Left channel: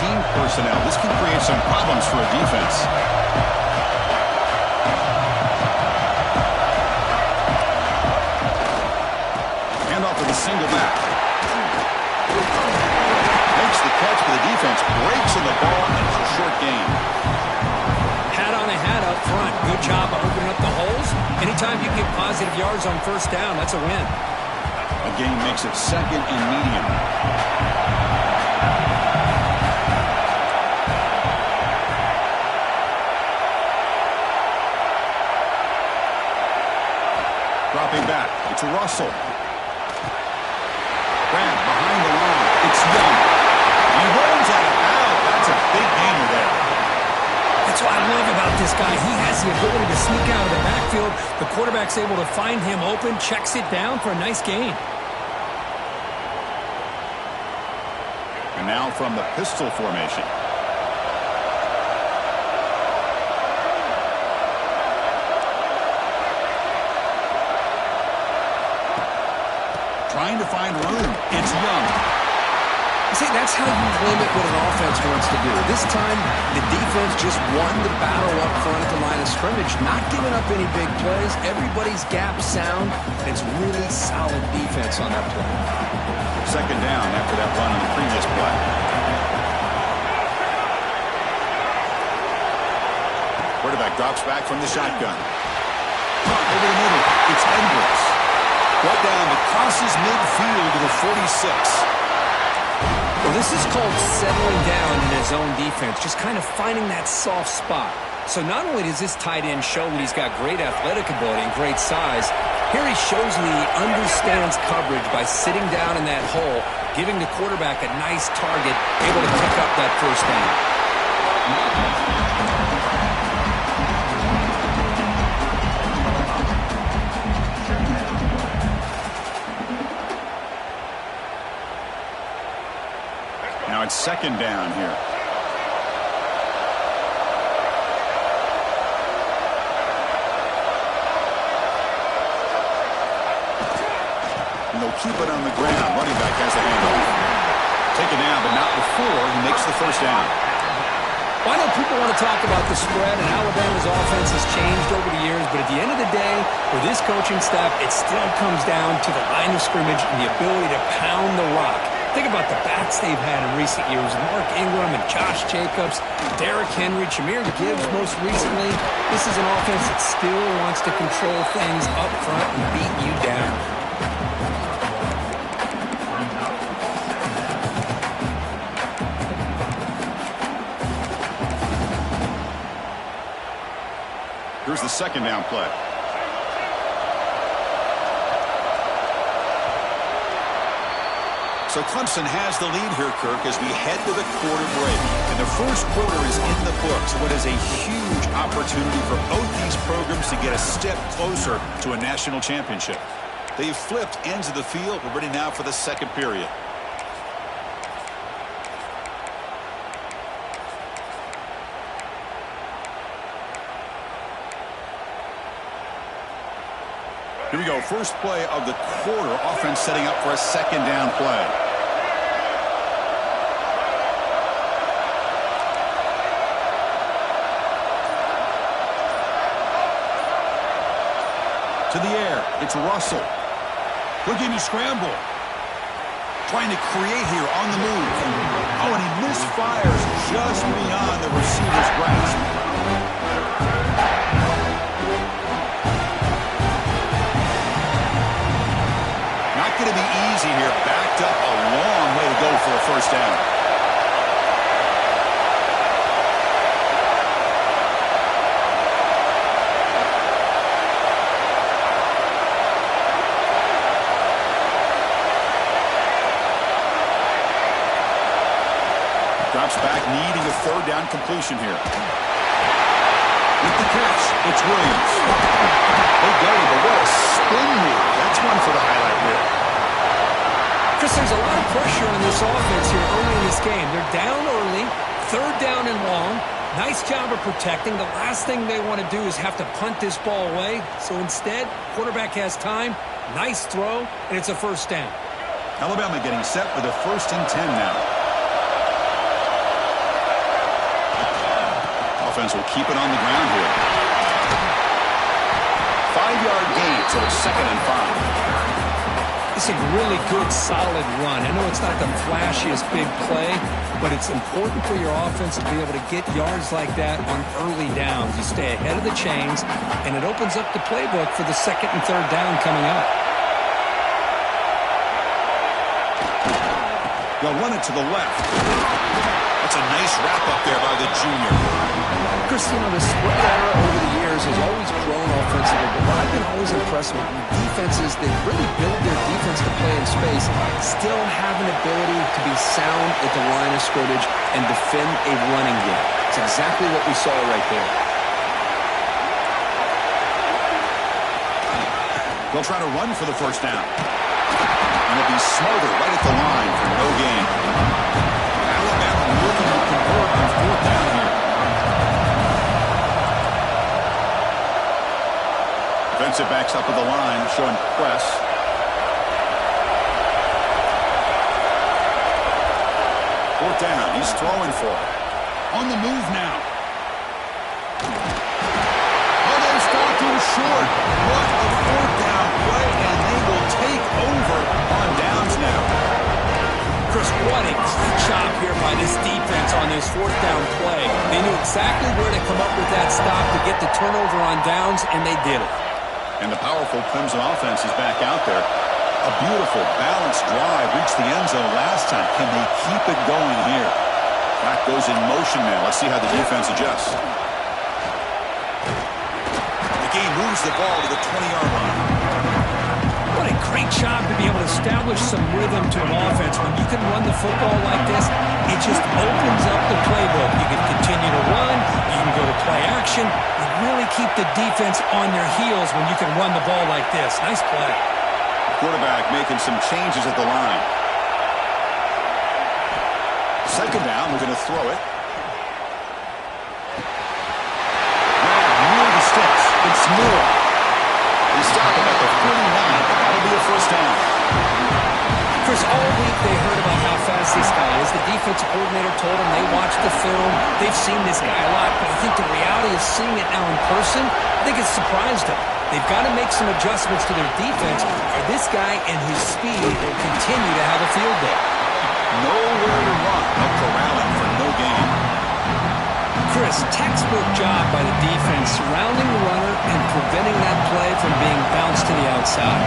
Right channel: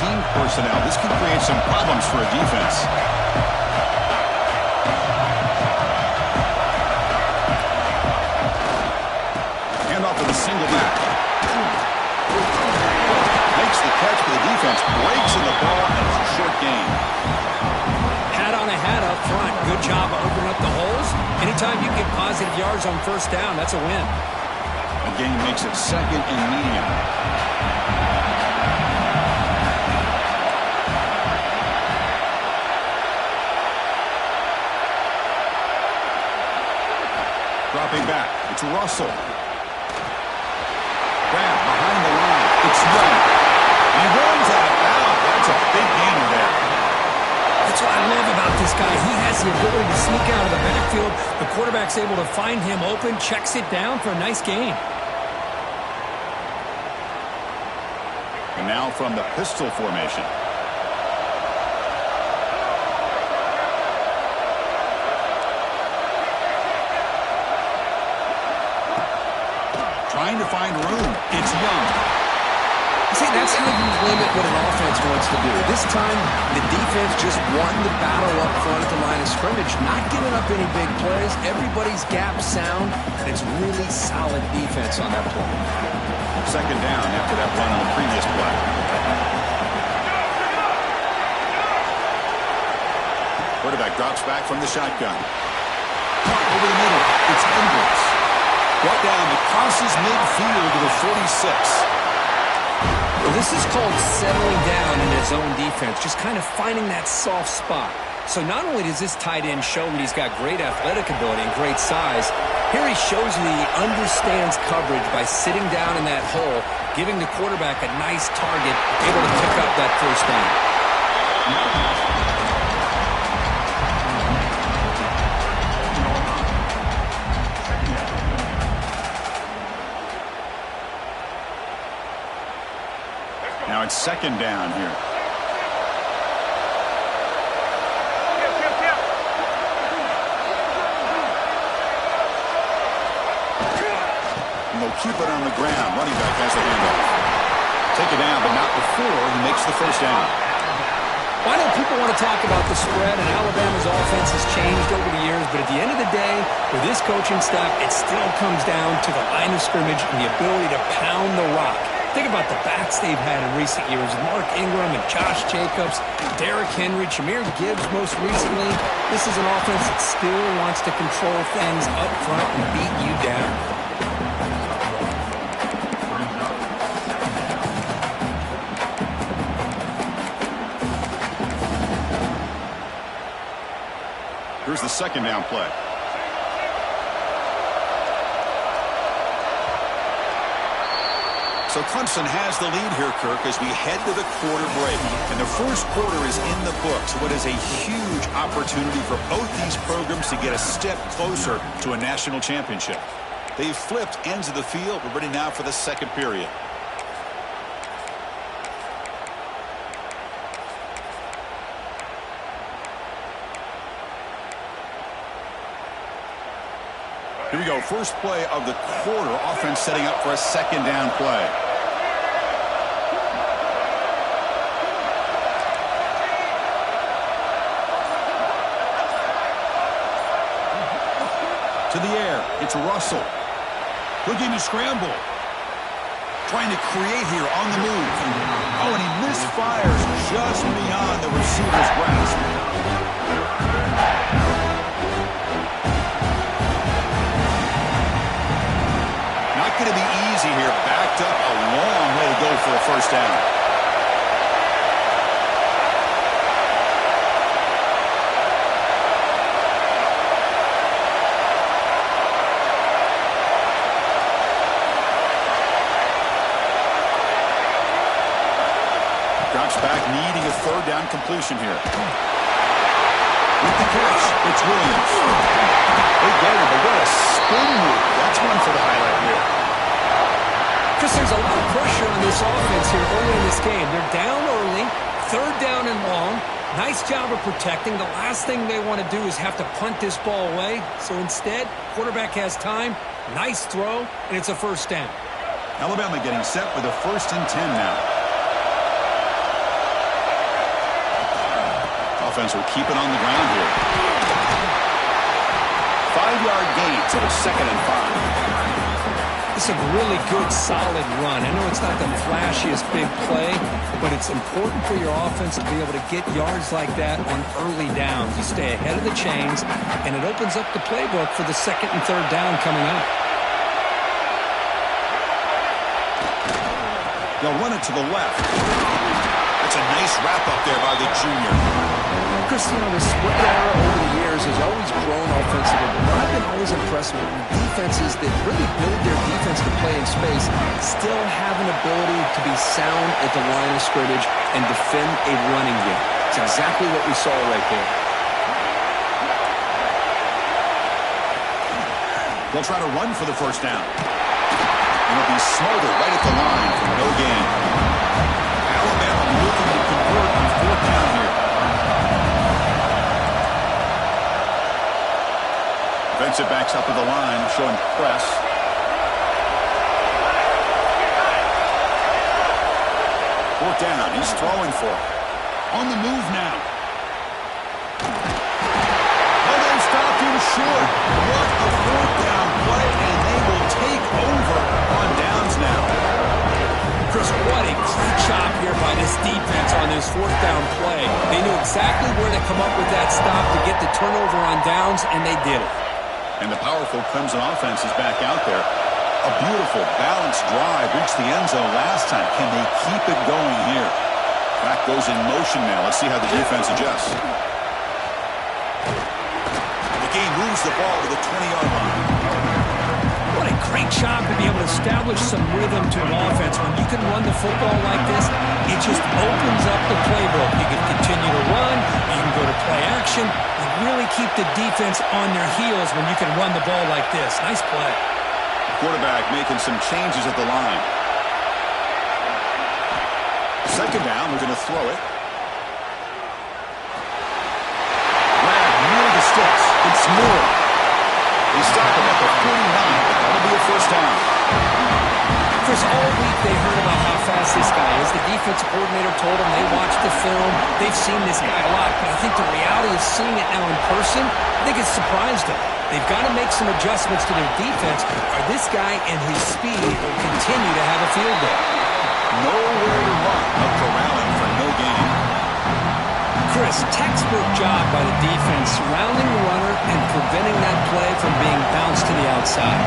team personnel. This can create some problems for a defense. Hand off to the single back. Makes the catch, but the defense breaks in the ball, and it's a short gain. Hat on a hat up front. Good job of opening up the holes. Anytime you get positive yards on first down, that's a win. A gain makes it second and medium. Dropping back. It's Russell. Grab behind the line. It's Young. He runs out of bounds. That's a big gainer there. That's what I love about this guy. He has the ability to sneak out of the backfield. The quarterback's able to find him open, checks it down for a nice gain. And now from the pistol formation. Trying to find room. It's Young. See, that's how you limit what an offense wants to do. This time, the defense just won the battle up front at the line of scrimmage, not giving up any big plays. Everybody's gap sound. It's really solid defense on that play. Second down after that run on the previous play. Quarterback drops back from the shotgun. Caught over the middle. It's Edwards. Brought down that crosses midfield to the 46. Well, this is called settling down in his own defense, just kind of finding that soft spot. So not only does this tight end show that he's got great athletic ability and great size, here he shows that he understands coverage by sitting down in that hole, giving the quarterback a nice target, able to pick up that first down. Now it's second down here. And they'll keep it on the ground. Running back has the handoff. Take it down, but not before he makes the first down. Well, I know people want to talk about the spread, and Alabama's offense has changed over the years, but at the end of the day, with this coaching staff, it still comes down to the line of scrimmage and the ability to pound the rock. Think about the backs they've had in recent years. Mark Ingram and Josh Jacobs, Derrick Henry, Jahmyr Gibbs most recently. This is an offense that still wants to control things up front and beat you down. Here's the second down play. So Clemson has the lead here, Kirk, as we head to the quarter break. And the first quarter is in the books. What is a huge opportunity for both these programs to get a step closer to a national championship. They've flipped ends of the field. We're ready now for the second period. Here we go. First play of the quarter. Offense setting up for a second down play. To the air. It's Russell. Looking to scramble. Trying to create here on the move. Oh, and he misfires just beyond the receiver's grasp. Not going to be easy here. Backed up a long way to go for a first down. Drops back, needing a third down completion here. With the catch, it's Williams. They get him, but what a spin move. That's one for the highlight reel. Chris, there's a lot of pressure on this offense here early in this game. They're down early, third down and long. Nice job of protecting. The last thing they want to do is have to punt this ball away. So instead, quarterback has time, nice throw, and it's a first down. Alabama getting set with a 1st and 10 now. offense will keep it on the ground here. 5-yard gain, so it's 2nd and 5. It's a really good, solid run. I know it's not the flashiest big play, but it's important for your offense to be able to get yards like that on early downs. You stay ahead of the chains, and it opens up the playbook for the 2nd and 3rd down coming up. They'll run it to the left. That's a nice wrap-up there by the junior. Chris, you know, the spread era over the years has always grown offensively, but what I've been always impressed with defenses that really build their defense to play in space still have an ability to be sound at the line of scrimmage and defend a running game. It's exactly what we saw right there. They'll try to run for the 1st down. And it'll be smothered right at the line for no gain. Alabama looking to convert on 4th down here. Defensive backs up at the line, showing press. Fourth down, he's throwing for it. On the move now. Oh, they stopped him short. What a 4th down play, and they will take over on downs now. Chris, what a great job here by this defense on this 4th down play. They knew exactly where to come up with that stop to get the turnover on downs, and they did it. And the powerful Clemson offense is back out there. A beautiful, balanced drive reached the end zone last time. Can they keep it going here? Clock goes in motion now. Let's see how the defense adjusts. The game moves the ball to the 20-yard line. What a great job to be able to establish some rhythm to an offense. When you can run the football like this, it just opens up the playbook. You can continue to run. You can go to play action. You really keep the defense on their heels when you can run the ball like this. Nice play. Quarterback making some changes at the line. 2nd down, we're going to throw it. Grab near the sticks. It's Moore. They stop him at the 49, but that'll be a 1st down. Chris, all week they heard about how fast this guy is. The defensive coordinator told them they watched the film. They've seen this guy a lot, but I think the reality is seeing it now in person, I think it's surprised them. They've got to make some adjustments to their defense, or this guy and his speed will continue to have a field day. Nowhere to run, but corralling for no gain. Chris, textbook job by the defense surrounding the runner and preventing that play from being bounced to the outside.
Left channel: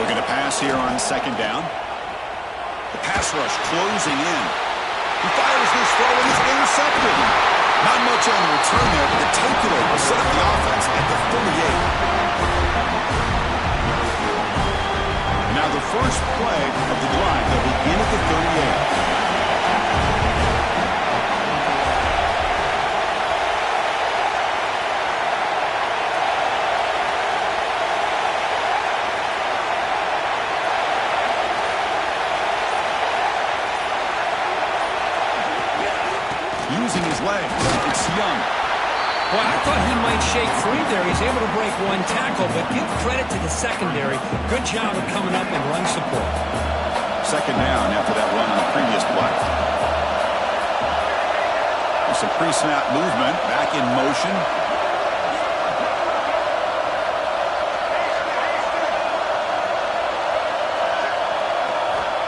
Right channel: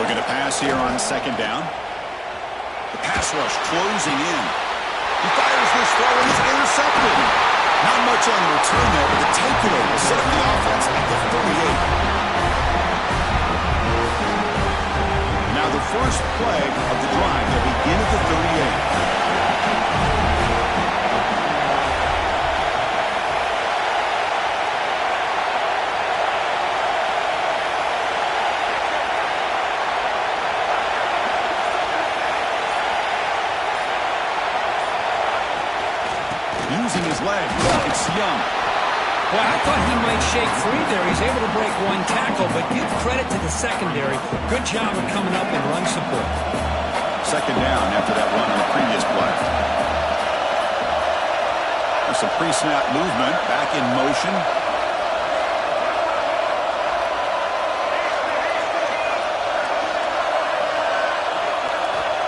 Looking to pass here on 2nd down. The pass rush closing in. He fires this throw and it's intercepted. Not much on the return there, but the takeaway will set up the offense at the 38. Now the first play of the drive, they'll begin at the 38. Using his legs, it's Young. Well, I thought he might shake free there. He's able to break one tackle, but give credit to the secondary. Good job of coming up and run support. 2nd down after that run on the previous play. There's some pre-snap movement, back in motion.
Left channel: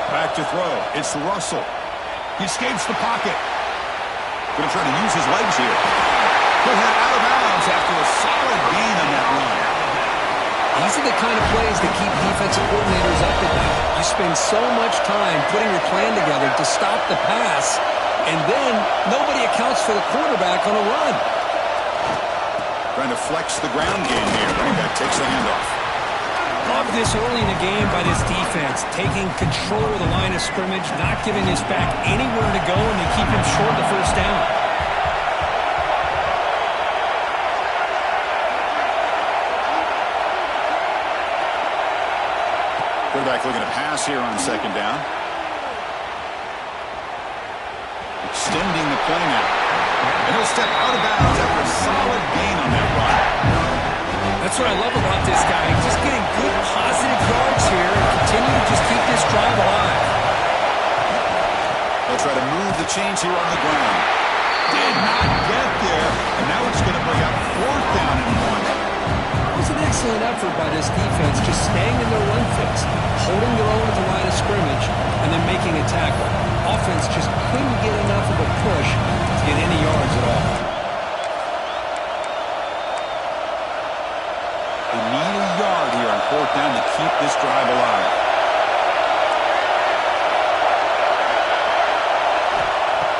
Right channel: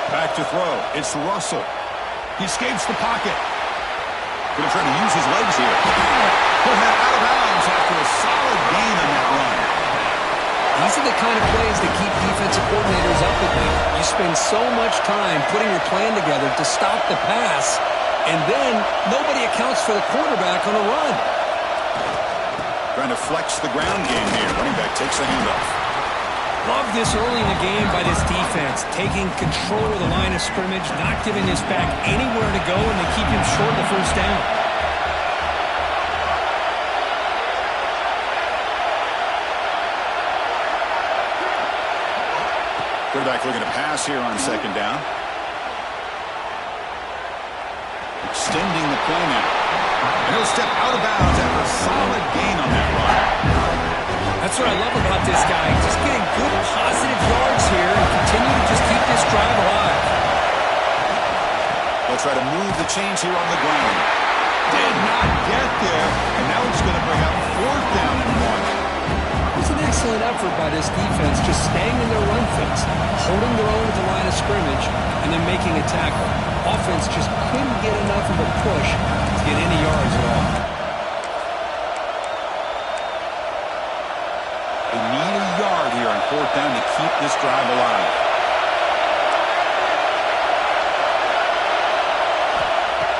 Back to throw. It's Russell. He escapes the pocket. Going to try to use his legs here. He'll head out of bounds after a solid gain on that run. These are the kind of plays that keep defensive coordinators up at night. You spend so much time putting your plan together to stop the pass, and then nobody accounts for the quarterback on a run. Trying to flex the ground game here. Running back takes the handoff. Love this early in the game by this defense, taking control of the line of scrimmage, not giving this back anywhere to go, and they keep him short of the 1st down. Quarterback looking to pass here on 2nd down. Extending the play now. And he'll step out of bounds after a solid gain on that run. That's That's what I love about this guy. Just getting good, positive yards here and continue to just keep this drive alive. They'll try to move the chains here on the ground. Did not get there, and now it's going to bring up 4th down and 1. It was an excellent effort by this defense, just staying in their run fix, holding their own at the line of scrimmage, and then making a tackle. Offense just couldn't get enough of a push to get any yards at all. They need a yard here on 4th down to keep this drive alive.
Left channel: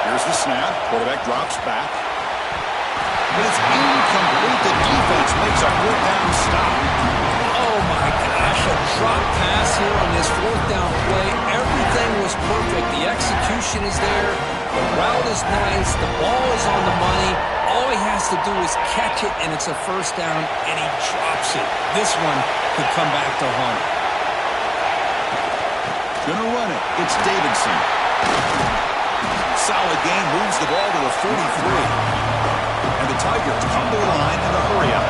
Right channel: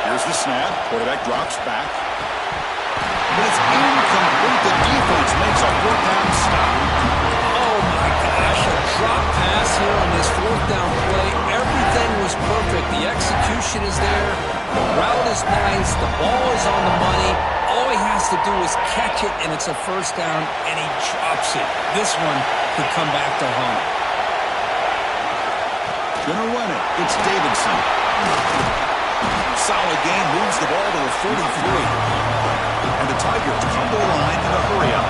Here's the snap. Quarterback drops back. But it's incomplete. The defense makes a 4th down stop. Oh, my gosh. A drop pass here on this 4th down play. Everything was perfect. The execution is there. The route is nice. The ball is on the money. All he has to do is catch it, and it's a 1st down, and he drops it. This one could come back to haunt him. Gonna run it. It's Davidson. Solid gain. Moves the ball to the 43. And the Tigers come to the line in a hurry-up.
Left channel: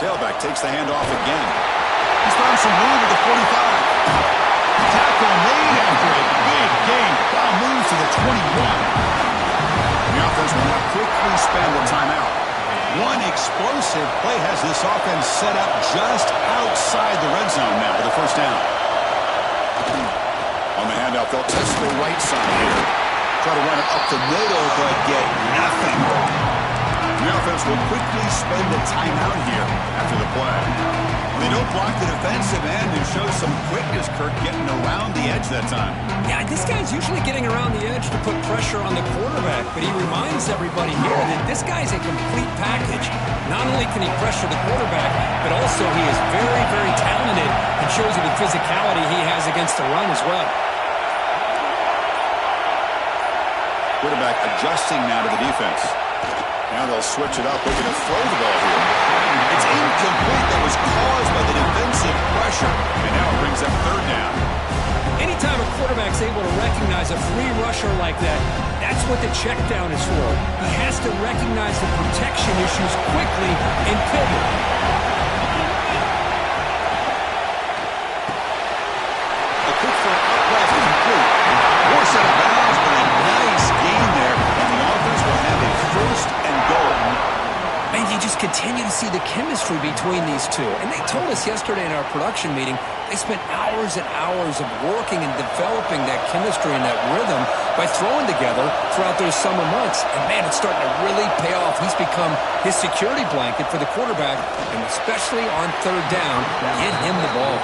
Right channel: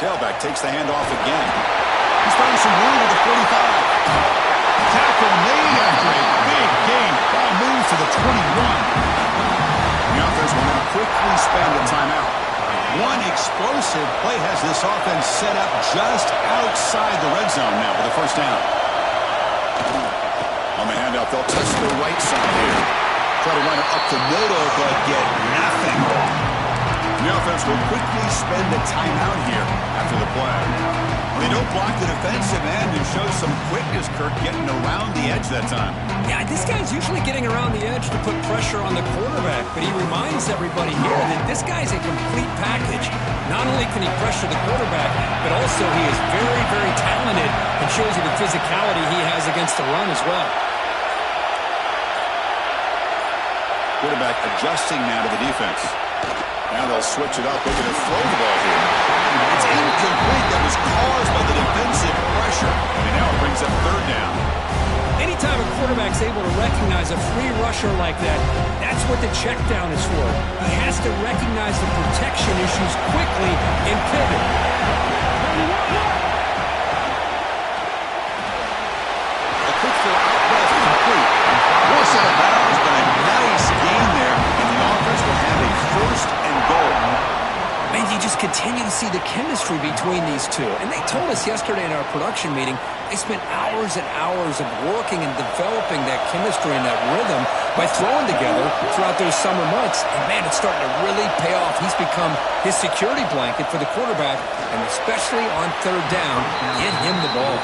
Tailback takes the handoff again. He's found some room at the 45. Tackle made after a big gain. Ball moves to the 21. The offense will now quickly spend a timeout. One explosive play has this offense set up just outside the red zone now with a 1st down. On the handoff, they'll test the right side here. Try to run it up the middle, but get nothing. The offense will quickly spend a timeout here after the play. They don't block the defensive end and show some quickness, Kirk, getting around the edge that time. Yeah, this guy's usually getting around the edge to put pressure on the quarterback, but he reminds everybody here that this guy's a complete package. Not only can he pressure the quarterback, but also he is very, very talented and shows you the physicality he has against the run as well. Quarterback adjusting now to the defense. Now they'll switch it up, looking to throw the ball here. It's incomplete. That was caused by the defensive pressure. And now it brings up 3rd down. Anytime a quarterback's able to recognize a free rusher like that, that's what the check down is for. He has to recognize the protection issues quickly and pivot. A quick throw out left, complete. More set of bounds, but a nice gain there, and the offense will have a 1st and goal. And you just continue to see the chemistry between these two. And they told us yesterday in our production meeting, they spent hours and hours of working and developing that chemistry and that rhythm by throwing together throughout those summer months. And, man, it's starting to really pay off. He's become his security blanket for the quarterback, and especially on 3rd down, get him the ball.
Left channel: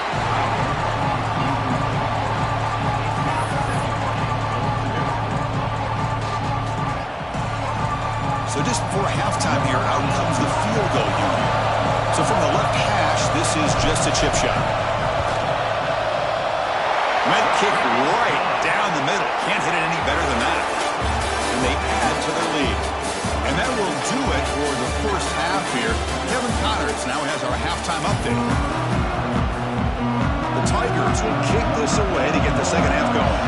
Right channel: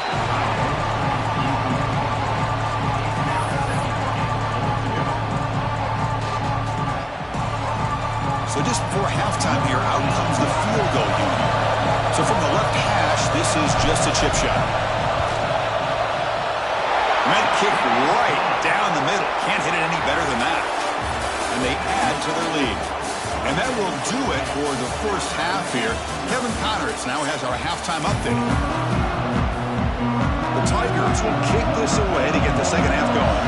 So just before halftime here, out comes the field goal unit. So from the left hash, this is just a chip shot. Meant kick right down the middle. Can't hit it any better than that. And they add to their lead. And that will do it for the 1st half here. Kevin Connors now has our halftime update. The Tigers will kick this away to get the 2nd half going.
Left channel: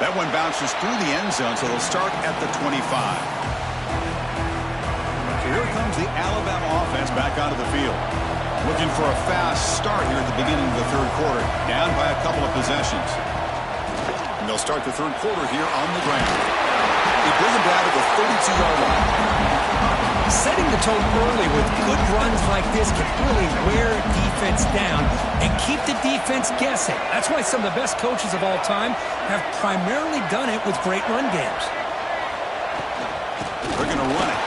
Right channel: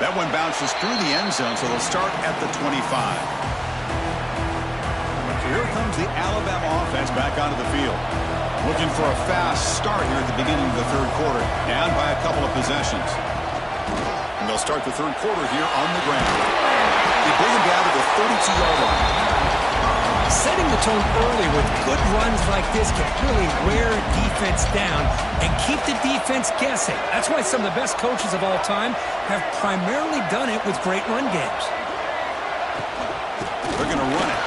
That one bounces through the end zone, so they'll start at the 25. So here comes the Alabama offense back onto the field. Looking for a fast start here at the beginning of the 3rd quarter. Down by a couple of possessions. And they'll start the 3rd quarter here on the ground. They bring them down to the 32-yard line. Setting the tone early with good runs like this can really wear defense down and keep the defense guessing. That's why some of the best coaches of all time have primarily done it with great run games. They're going to run it.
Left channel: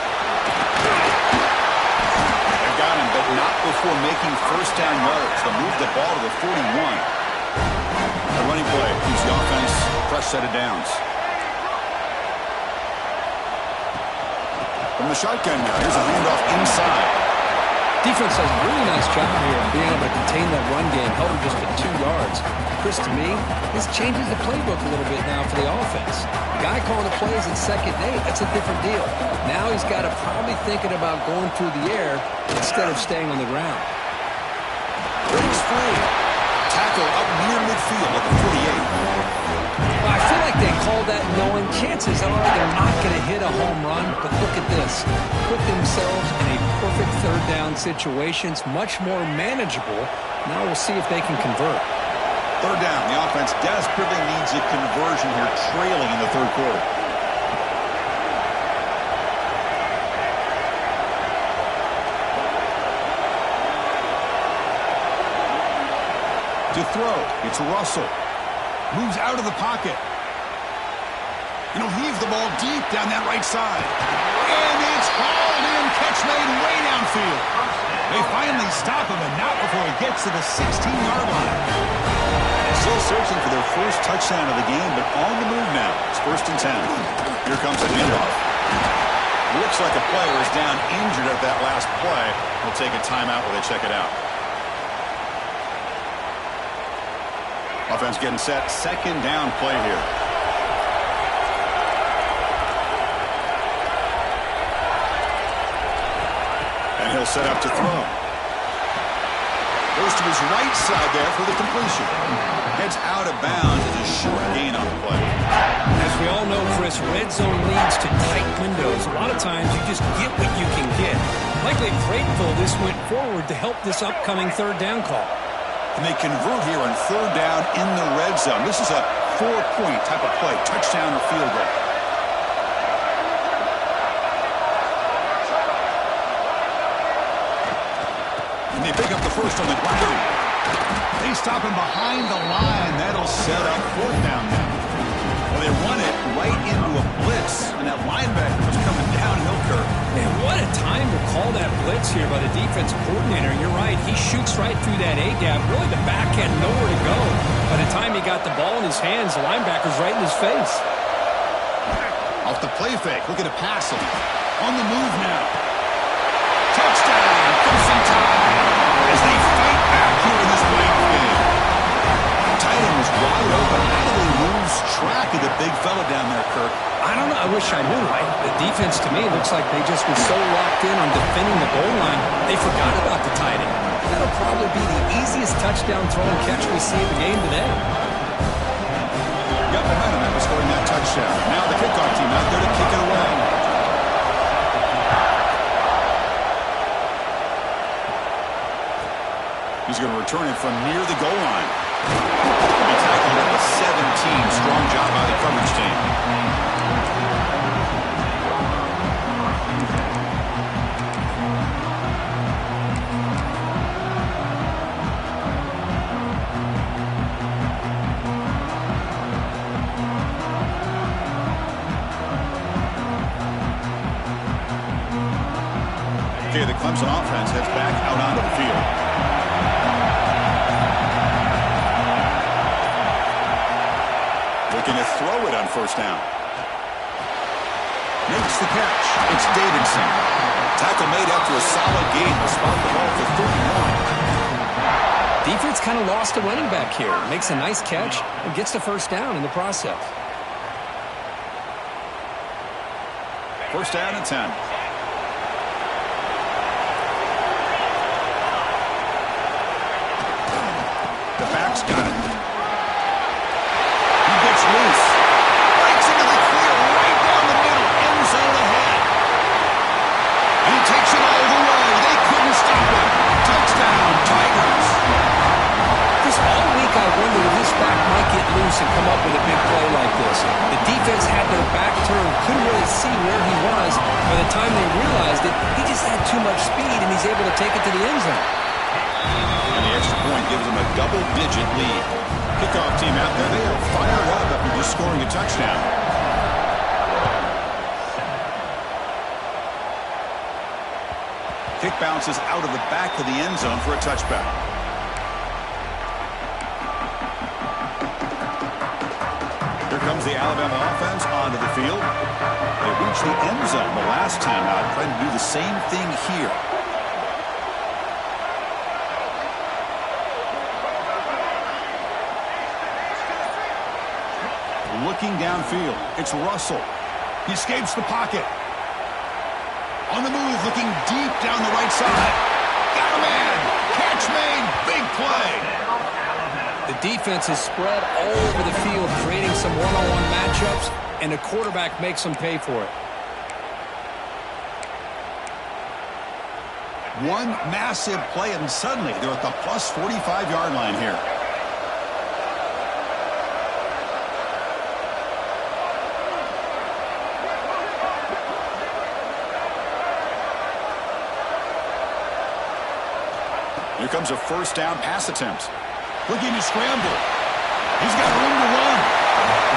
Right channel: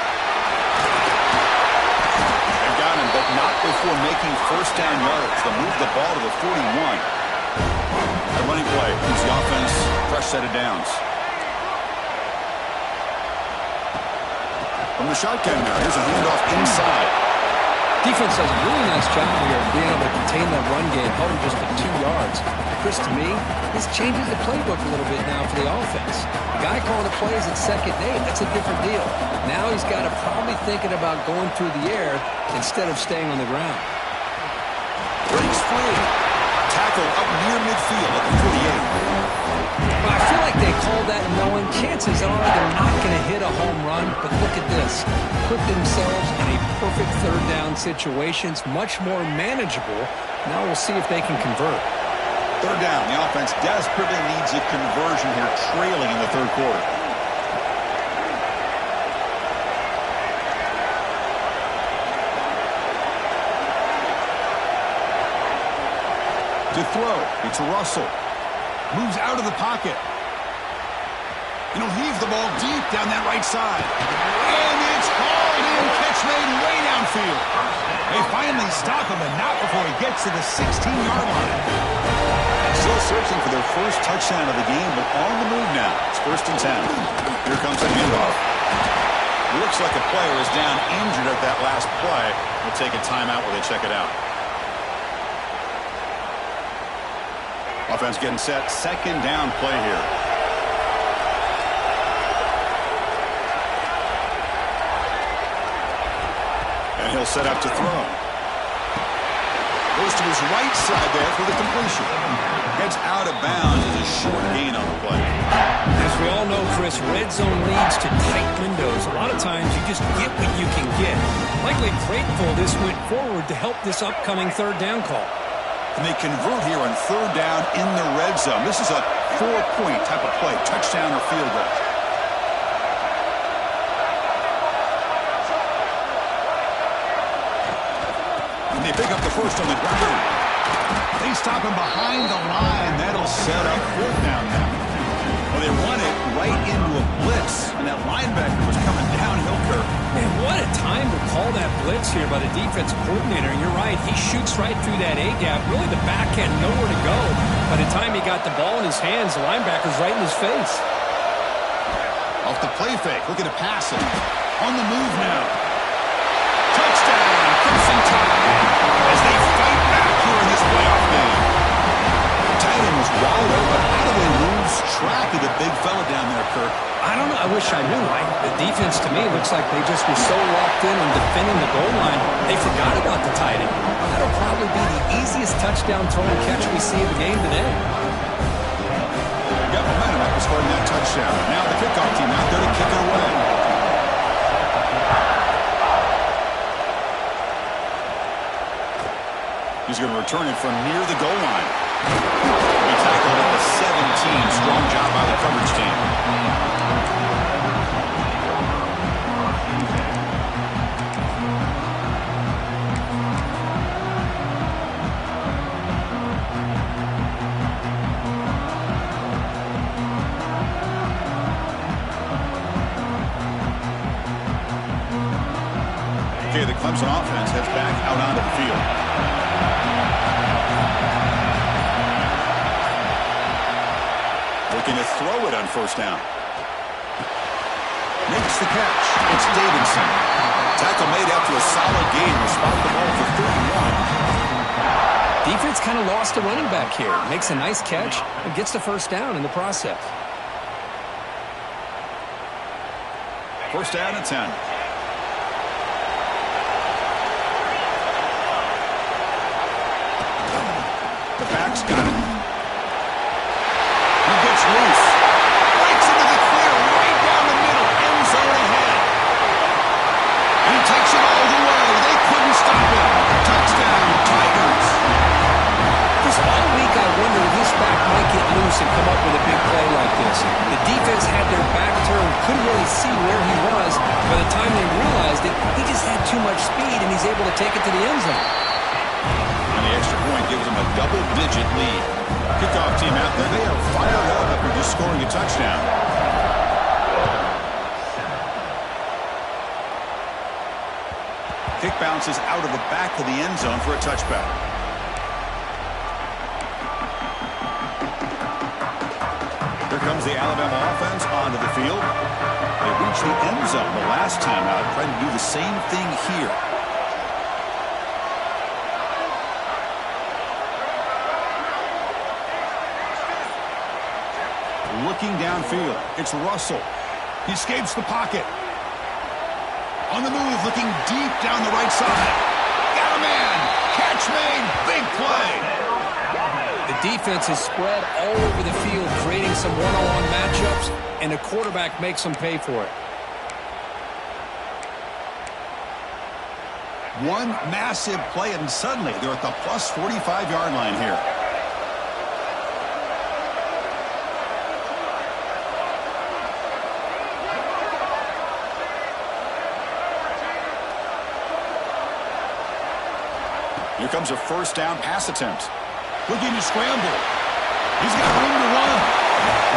They've got him, but not before making 1st down yards. They'll move the ball to the 41. That running play gives the offense a fresh set of downs. From the shotgun now, here's a handoff inside. Defense does a really nice job here of being able to contain that run game, held him just at 2 yards. Chris, to me, this changes the playbook a little bit now for the offense. The guy calling the plays at 2nd and 8, that's a different deal. Now he's got to probably thinking about going through the air instead of staying on the ground. Breaks free. Tackle up near midfield at the 48. Well, I feel like they called that knowing chances are they're not going to hit a home run, but look at this. Put themselves in a perfect 3rd down situation. It's much more manageable. Now we'll see if they can convert. 3rd down. The offense desperately needs a conversion here, trailing in the 3rd quarter. To throw, it's Russell. Moves out of the pocket. And he'll heave the ball deep down that right side. And it's hauled in. Catch made way downfield. They finally stop him, and not before he gets to the 16-yard line. Still searching for their first touchdown of the game, but on the move now. It's 1st and 10. Here comes a handoff. Looks like a player is down injured at that last play. We'll take a timeout where they check it out. Offense getting set. 2nd down play here. And he'll set up to throw. Goes to his right side there for the completion. Heads out of bounds as a short gain on the play. As we all know, Chris, red zone leads to tight windows. A lot of times you just get what you can get. Likely grateful this went forward to help this upcoming 3rd down call. And they convert here on 3rd down in the red zone. This is a 4-point type of play, touchdown or field goal. And they pick up the first on the ground. They stop him behind the line. That'll set up 4th down now. Well, they run it right into a blitz, and that linebacker was coming downhill, Kirk. Man, what a time to call that blitz here by the defensive coordinator. You're right. He shoots right through that A-gap. Really, the back had nowhere to go. By the time he got the ball in his hands, the linebacker's right in his face. Off the play fake. Looking to pass him. On the move now. Touchdown, Crimson Tide, as they fight back here in this playoff game. Tight end was wide open. How do they lose track of the big fella down there, Kirk? I don't know. I wish I knew. The defense, to me, looks like they just were so locked in on defending the goal line, they forgot about the tight end. That'll probably be the easiest touchdown throw and catch we see in the game today. Got momentum after scoring that touchdown. Now the kickoff team out there to kick it away. He's going to return it from near the goal line. He'll be tackled at the 17. Strong job by the coverage team. Okay, the Clemson offense heads back out onto the field. Looking to throw it on 1st down. Makes the catch. It's Davidson. Tackle made after a solid gain. Will spot the ball for 31. Defense kind of lost a running back here. Makes a nice catch and gets the 1st down in the process. 1st down and 10. The back's got it. He gets loose. Breaks into the clear right down the middle. End zone ahead. And he takes it all the way. They couldn't stop him. Touchdown, Tigers. Chris, all week I wondered if this back might get loose and come up with a big play like this. The defense had their back turned, couldn't really see where he was. By the time they realized it, he just had too much speed, and he's able to take it to the end zone. And the extra point gives them a double-digit lead. Kickoff team out there, they are fired up after just scoring a touchdown. Kick bounces out of the back of the end zone for a touchback. Here comes the Alabama offense onto the field. They reached the end zone the last time out, trying to do the same thing here. looking downfield. It's Russell. He escapes the pocket. On the move, looking deep down the right side. Got a man. Catch made. Big play. The defense is spread all over the field, creating some one-on-one matchups, and the quarterback makes them pay for it. One massive play, and suddenly they're at the plus 45-yard line here. Here comes a first down pass attempt. Looking to scramble. He's got room to run.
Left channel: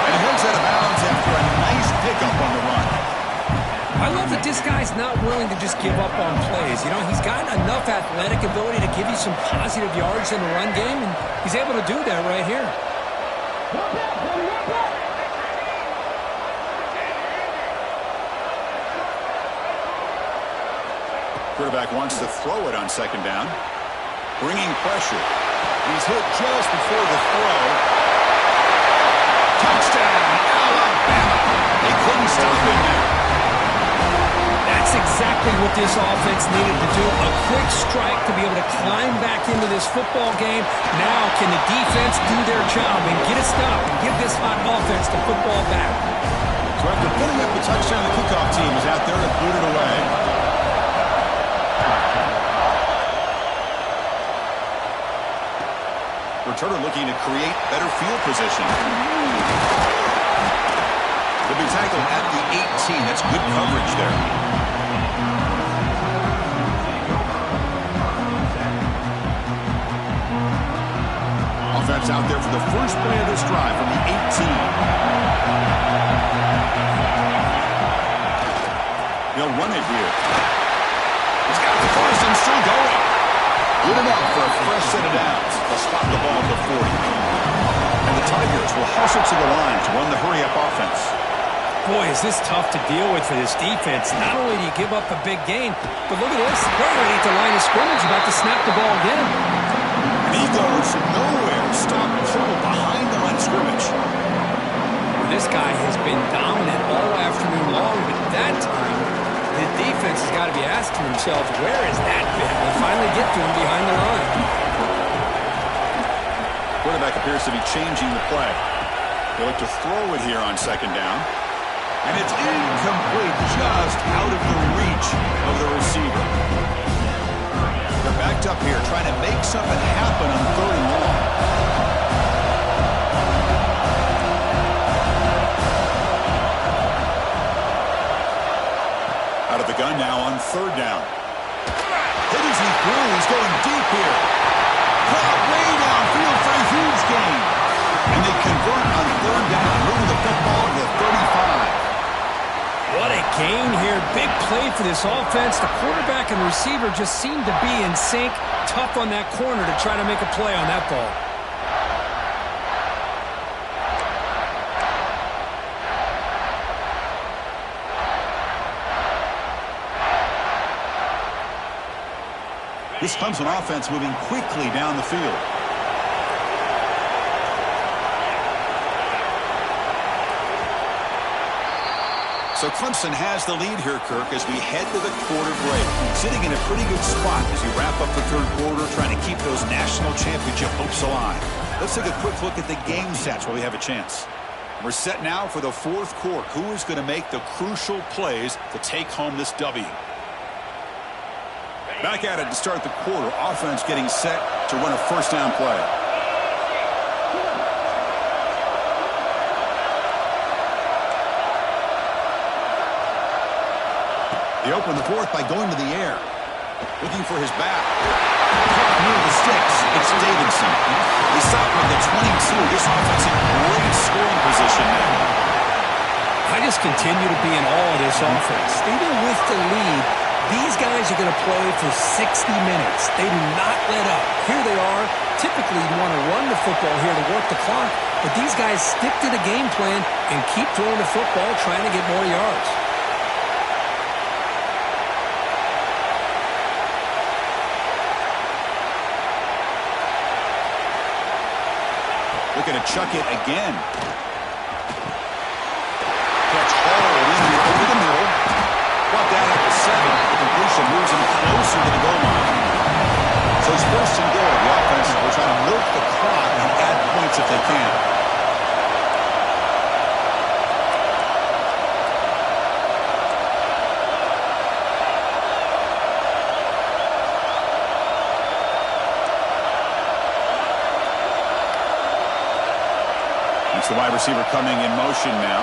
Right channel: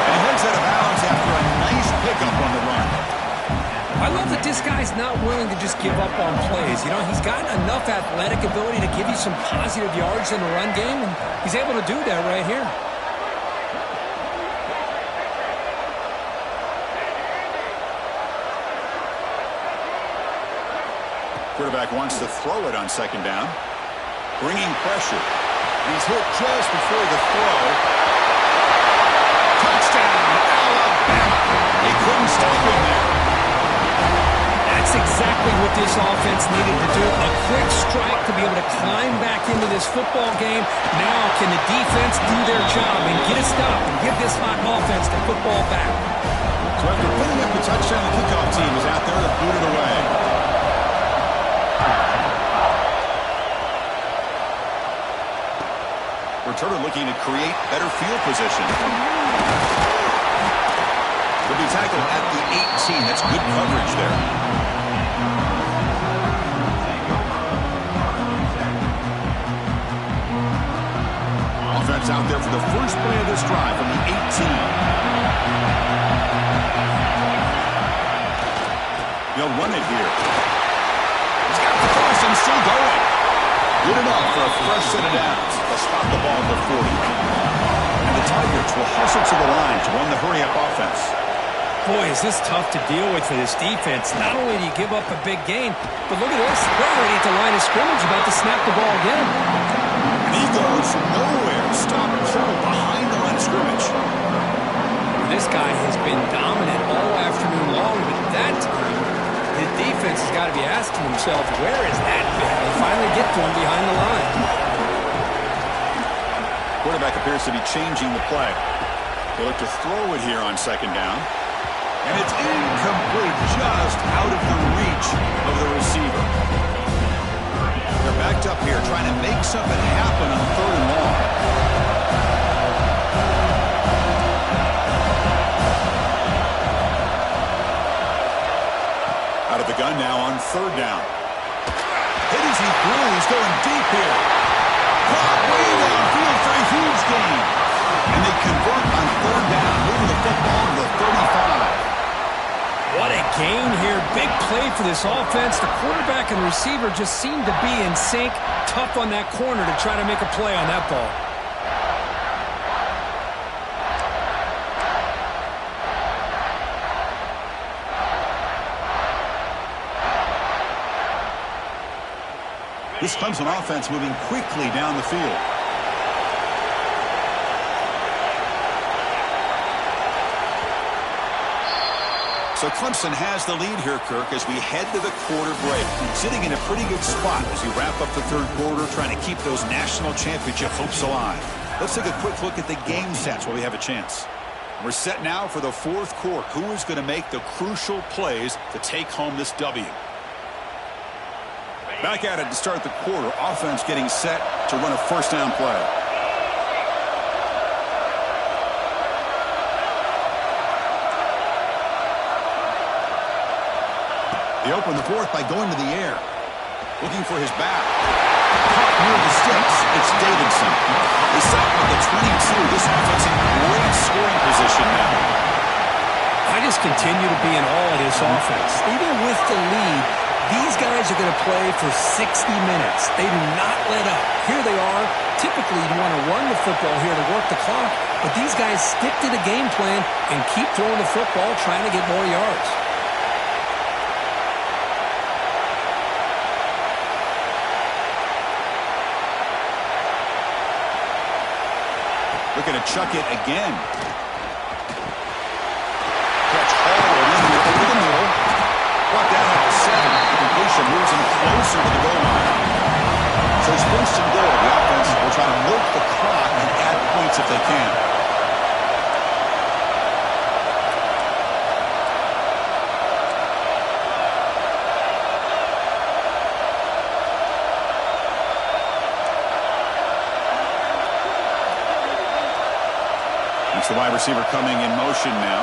And heads out of bounds after a nice pickup on the run. I love that this guy's not willing to just give up on plays. You know, he's got enough athletic ability to give you some positive yards in the run game, and he's able to do that right here. Quarterback wants to throw it on second down. Bringing pressure. He's hit just before the throw. Touchdown, Alabama. They couldn't stop him there. That's exactly what this offense needed to do. A quick strike to be able to climb back into this football game. Now can the defense do their job and get a stop and give this hot offense the football back? So after putting up the touchdown, the kickoff team is out there to boot it away. Returner looking to create better field position. He'll be tackled at the 18. That's good coverage there. Offense out there for the first play of this drive from the 18. They'll run it here. He's got the first and still going. Good enough for a fresh set of downs. They'll spot the ball at the 40. And the Tigers will hustle to the line to run the hurry-up offense. Boy, is this tough to deal with for this defense. Not only do you give up a big gain, but look at this. They're already at the line of scrimmage, about to snap the ball again. And he goes nowhere. Stop trouble behind the line of scrimmage. This guy has been dominant all afternoon long, but that time, the defense has got to be asking themselves, where is that been? They finally get to him behind the line. Quarterback appears to be changing the play. They look to throw it here on second down. And it's incomplete, just out of the reach of the receiver. They're backed up here trying to make something happen on third and long. Out of the gun now on third down. Hit as he threw. He's going deep here. Caught way downfield for a huge gain. And they convert on third down, moving the football to the 35. What a gain here. Big play for this offense. The quarterback and receiver just seem to be in sync. Tough on that corner to try to make a play on that ball. This Clemson offense moving quickly down the field. So Clemson has the lead here, Kirk, as we head to the quarter break. Sitting in a pretty good spot as we wrap up the third quarter, trying to keep those national championship hopes alive. Let's take a quick look at the game stats while we have a chance. We're set now for the fourth quarter. Who is going to make the crucial plays to take home this W? Back at it to start the quarter. Offense getting set to run a first down play. They open the fourth by going to the air. Looking for his back. Caught near the sticks. It's Davidson. They stop with the 22. This offense in great scoring position now. I just continue to be in awe of this offense. Even with the lead, these guys are going to play for 60 minutes. They do not let up. Here they are. Typically, you want to run the football here to work the clock, but these guys stick to the game plan and keep throwing the football, trying to get more yards. Looking to chuck it again. 7. The completion moves him closer to the goal line. So it's first and goal. The offense will try to milk the clock and add points if they can. It's the wide receiver coming in motion now.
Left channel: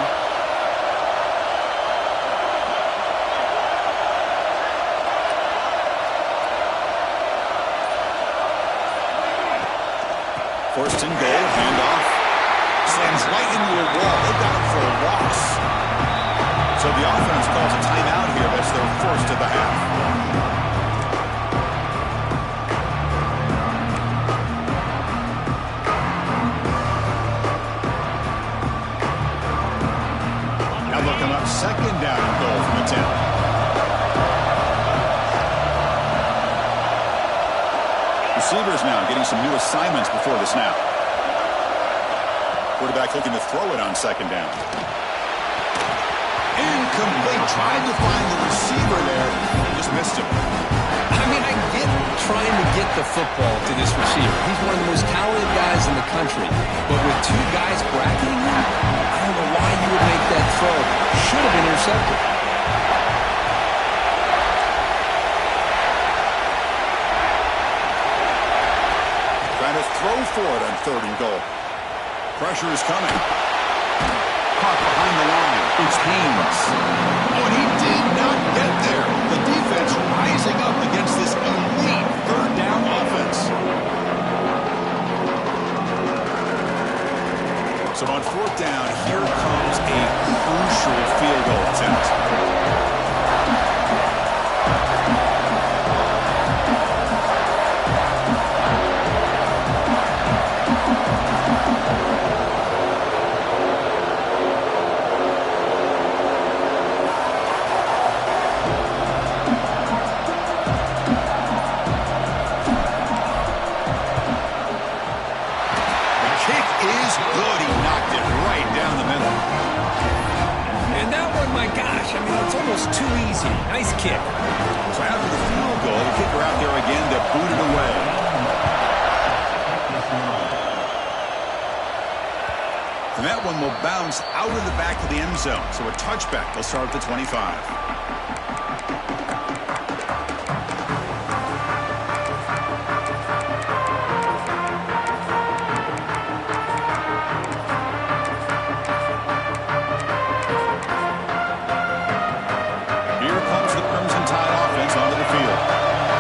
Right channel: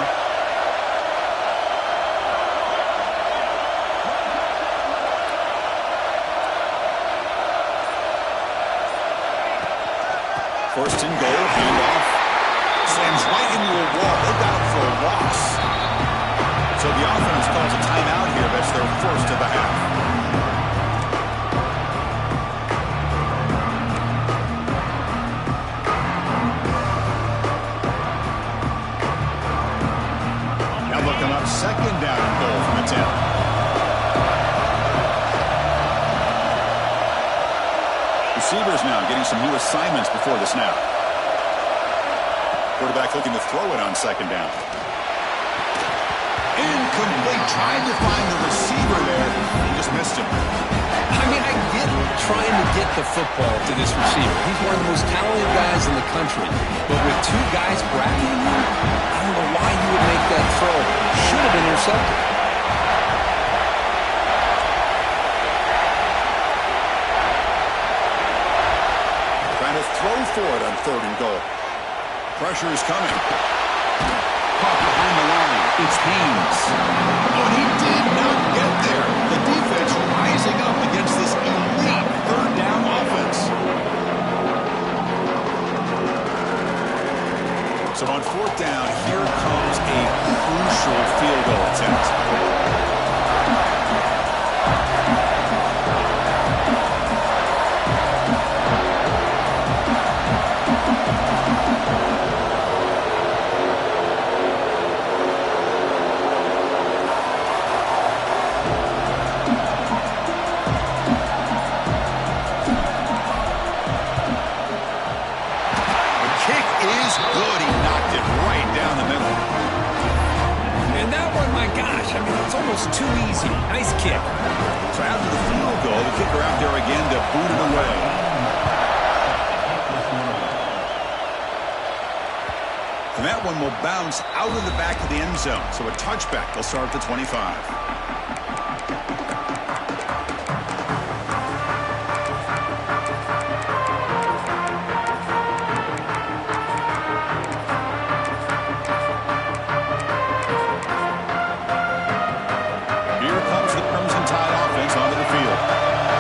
First and goal, handoff. Slams right into a wall. They've got him for a loss. So the offense calls a timeout here. That's their first of the half. Second down and goal from the 10. Receivers now getting some new assignments before the snap. Quarterback looking to throw it on second down. Incomplete. Tried to find the receiver there. He just missed him. I mean, I get trying to get the football to this receiver. He's one of the most talented guys in the country. But with two guys bracketing him, I don't know why you would make that throw. Should have been intercepted. Trying to throw for it on third and goal. Pressure is coming. Caught behind the line. It's Haynes. Oh, and he did not get there. The defense rising up against this elite third down offense. So on fourth down, here comes a crucial field goal attempt. Good. He knocked it right down the middle. And that one, my gosh, I mean, it's almost too easy. Nice kick. So after the field goal, the kicker out there again to boot it away. And that one will bounce out of the back of the end zone. So a touchback. They'll start at the 25.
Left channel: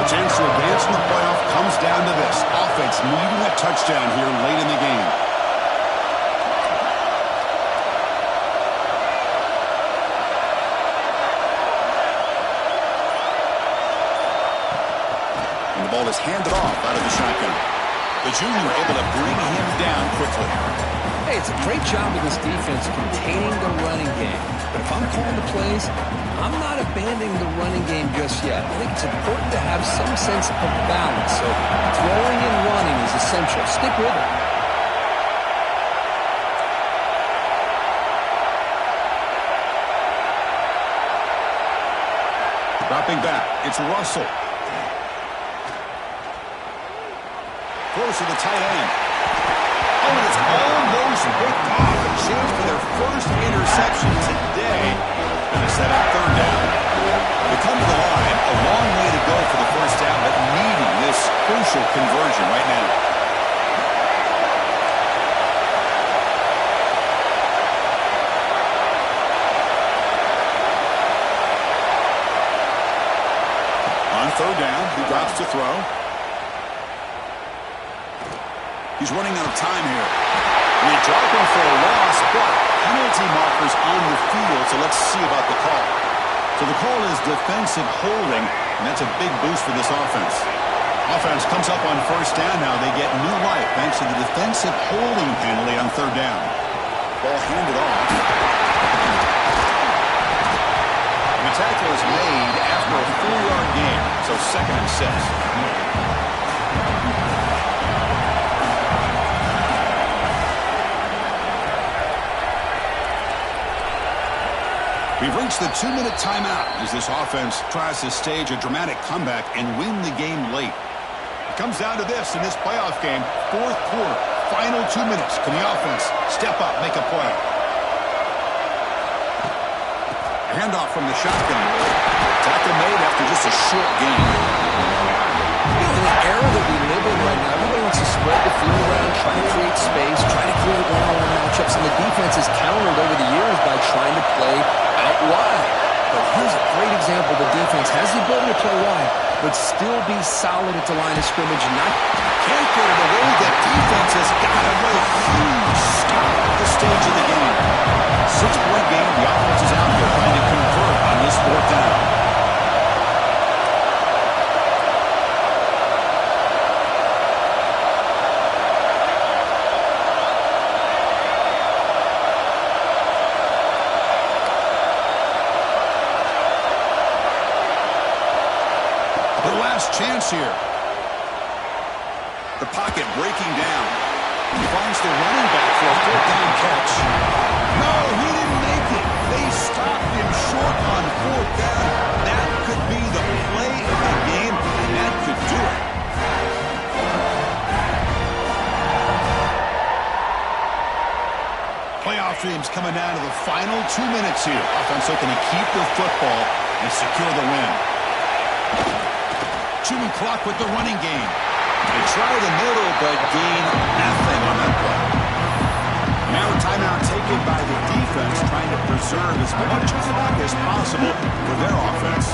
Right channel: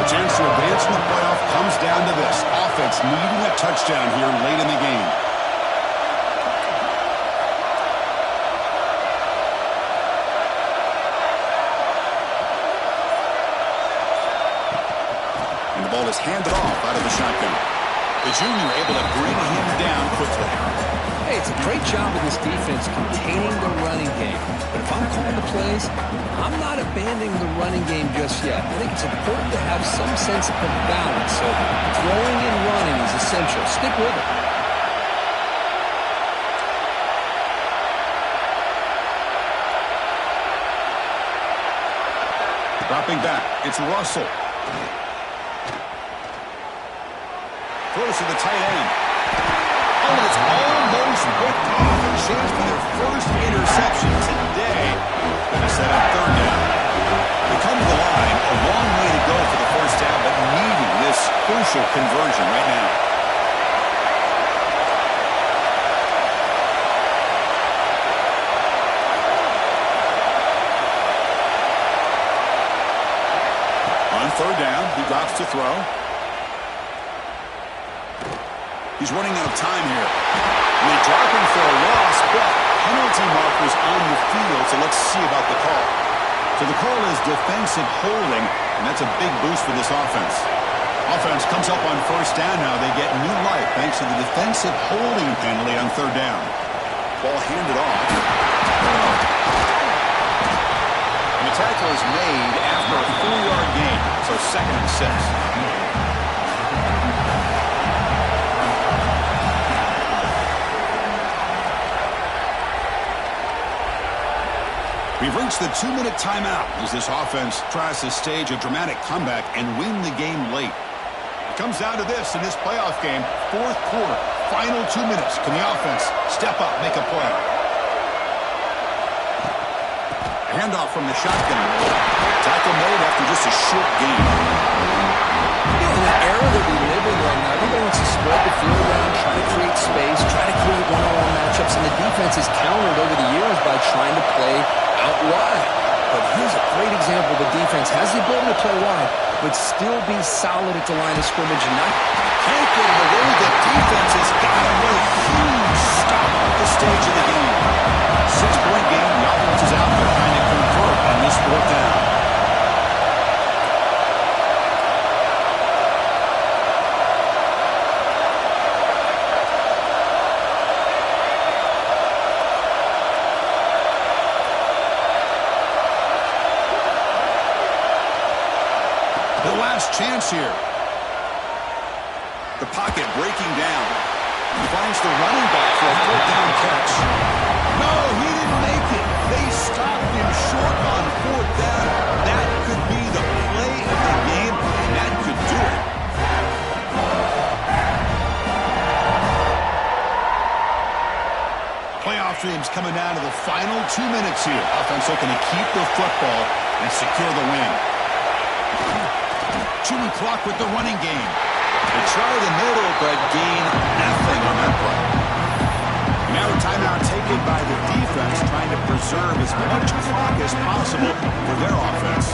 Chance to advance in the playoff comes down to this. Offense needing a touchdown here late in the game. And the ball is handed off out of the shotgun. The junior able to bring him down quickly. Hey, it's a great job of this defense containing the running game. But if I'm calling the plays, I'm not abandoning the running game just yet. I think it's important to have some sense of balance. So throwing and running is essential. Stick with it. Dropping back, it's Russell. Throws to the tight end. Oh, and it's almost picked off. A chance for their first interception today. Going to set up third down. They come to the line, a long way to go for the first down, but needing this crucial conversion right now. On third down, he drops to throw. He's running out of time here. And they drop him for a loss, but penalty markers on the field, so let's see about the call. So the call is defensive holding, and that's a big boost for this offense. Offense comes up on first down now. They get new life thanks to the defensive holding penalty on third down. Ball handed off. And the tackle is made after a 4-yard gain, so 2nd and 6. We've reached the 2-minute timeout as this offense tries to stage a dramatic comeback and win the game late. It comes down to this in this playoff game, fourth quarter, final 2 minutes. Can the offense step up, make a play? A handoff from the shotgun. Tackle made after just a short gain. You know, in the era that we live in right now, everybody wants to spread the field around, try to create space, try to create one-on-one matchups, and the defense is countered over the years by trying to play out wide. But here's a great example. The defense has the ability to play wide, but still be solid at the line of scrimmage and not... Can't get it away. The defense has got him. What a huge stop at the stage of the game. 6-point game. The offense is out there trying to convert on this fourth down. The last chance here. The pocket breaking down. He finds the running back for a fourth down catch. No, he didn't make it. They stopped him short on fourth down. That could be the play of the game, and that could do it. Playoff teams coming down to the final 2 minutes here. Offense looking to keep the football and secure the win. Chewing clock with the running game. They try the middle, but gain nothing on that play. Now a timeout taken by the defense, trying to preserve as much clock as possible for their offense.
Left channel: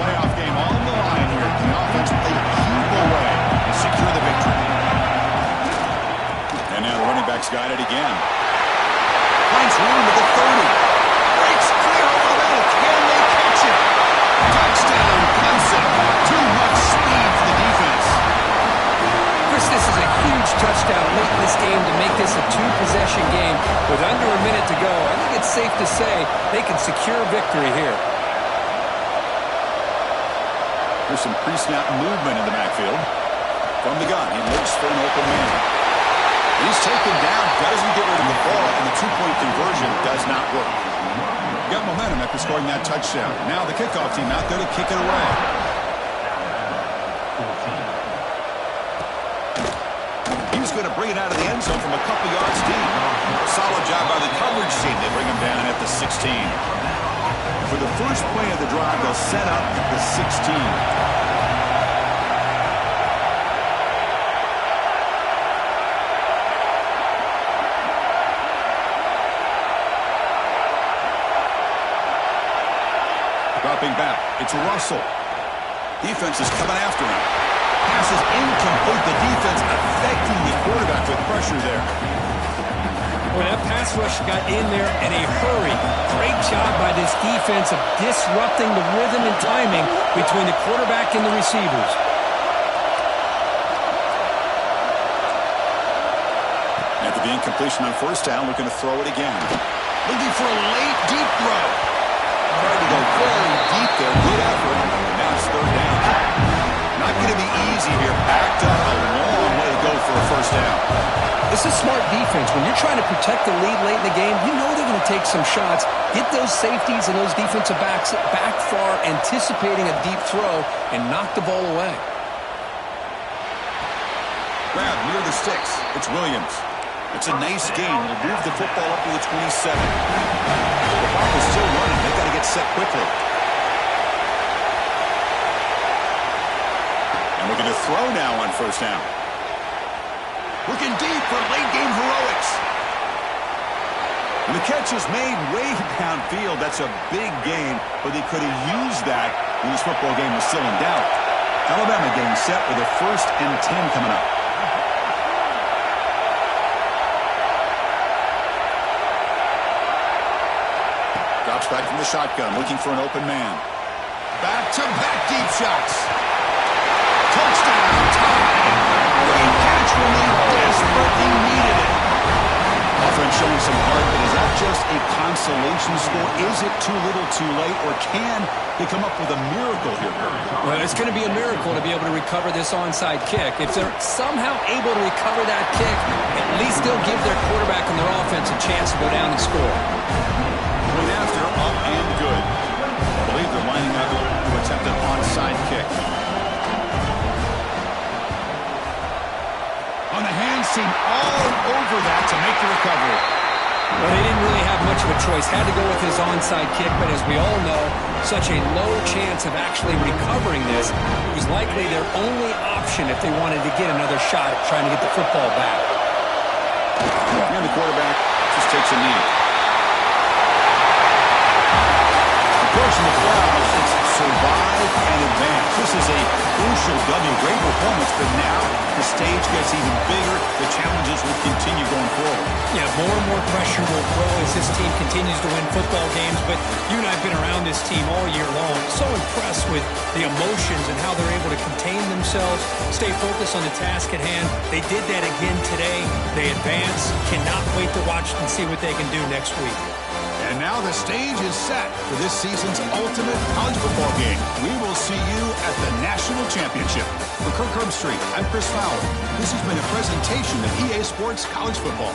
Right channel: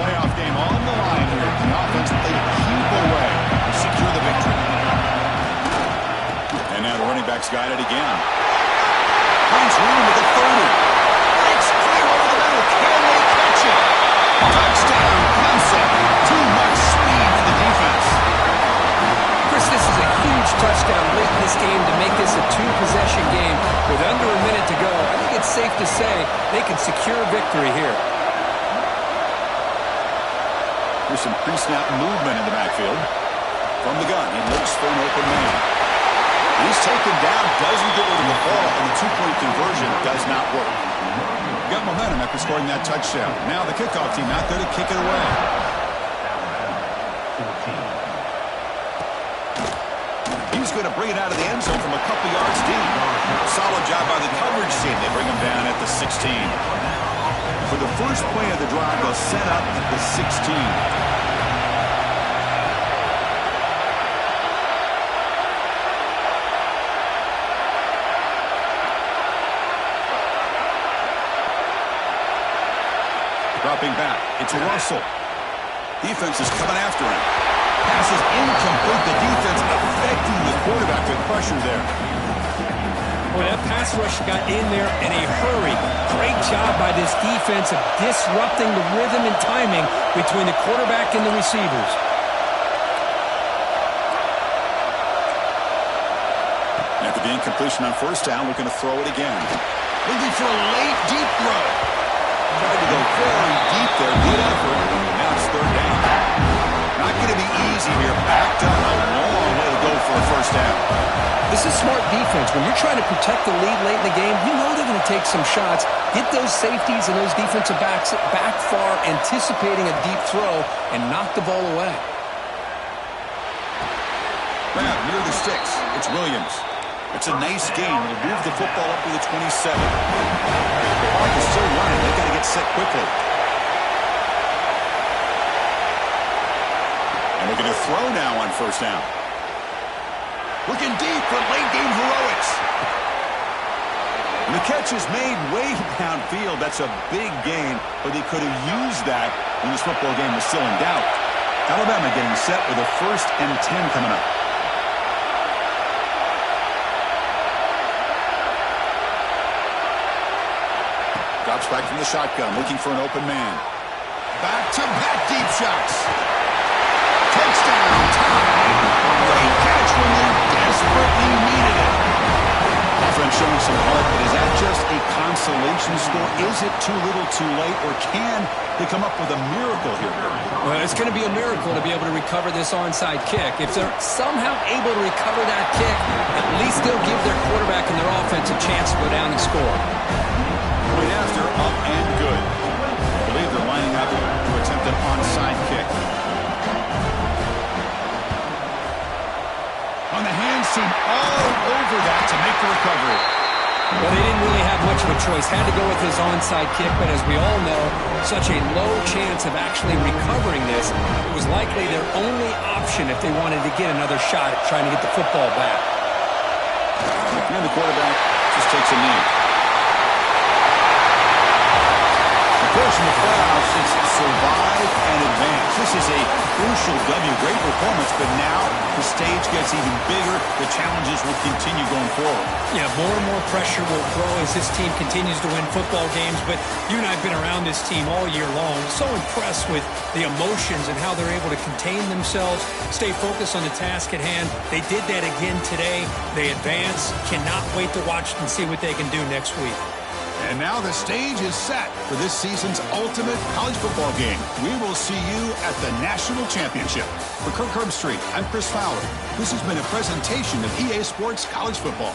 Playoff game on the line here. The offense they keep away and secure the victory. And now the running back's got it again. Finds room at the 30. Breaks clear over the middle. Can they catch it? Touchdown, Clemson. Too much speed for the defense. Chris, this is a huge touchdown late in this game to make this a two-possession game with under a minute to go. I think it's safe to say they can secure victory here. Here's some pre-snap movement in the backfield. From the gun, he looks for an open man. He's taken down, doesn't get rid of the ball, and the two-point conversion does not work. Got momentum after scoring that touchdown. Now the kickoff team out there to kick it away. He's going to bring it out of the end zone from a couple yards deep. Solid job by the coverage team. They bring him down at the 16. For the first play of the drive, they'll set up at the 16. Dropping back, it's Russell. Defense is coming after him. Pass is incomplete. The defense affecting the quarterback with pressure there. Boy, that pass rush got in there in a hurry. Great job by this defense of disrupting the rhythm and timing between the quarterback and the receivers. After the incompletion on first down, looking to throw it again. Looking for a late, deep throw. Tried to go very deep there. Good effort. Now it's third down. Not going to be easy here. Backed up a long way to go for a first down. This is smart defense. When you're trying to protect the lead late in the game, you know they're going to take some shots, get those safeties and those defensive backs back far, anticipating a deep throw, and knock the ball away. Grab near the sticks. It's Williams. It's a nice gain. It'll move the football up to the 27. The clock is still running. They've got to get set quickly. And looking to throw now on first down. Looking deep for late game heroics. And the catch is made way downfield. That's a big gain, but they could have used that when this football game was still in doubt. Alabama getting set with a 1st and 10 coming up. Drops back from the shotgun, looking for an open man. Back-to-back deep shots. Touchdown, tie. Great catch when they desperately needed it. Offense showing some heart, but is that just a consolation score? Is it too little too late, or can they come up with a miracle here? Well, it's going to be a miracle to be able to recover this onside kick. If they're somehow able to recover that kick, at least they'll give their quarterback and their offense a chance to go down and score. Point after, up and good. I believe they're lining up to attempt an onside kick. On the hand, seam all over that to make the recovery. Well, they didn't really have much of a choice. Had to go with his onside kick, but as we all know, such a low chance of actually recovering this. It was likely their only option if they wanted to get another shot at trying to get the football back. And the quarterback just takes a knee. Of course, in the playoffs, it's survive and advance. This is a crucial W. Great performance, but now the stage gets even bigger. The challenges will continue going forward. Yeah, more and more pressure will grow as this team continues to win football games. But you and I have been around this team all year long. So impressed with the emotions and how they're able to contain themselves, stay focused on the task at hand. They did that again today. They advance. Cannot wait to watch and see what they can do next week. And now the stage is set for this season's ultimate college football game. We will see you at the National Championship. For Kirk Herbstreit, I'm Chris Fowler. This has been a presentation of EA Sports College Football.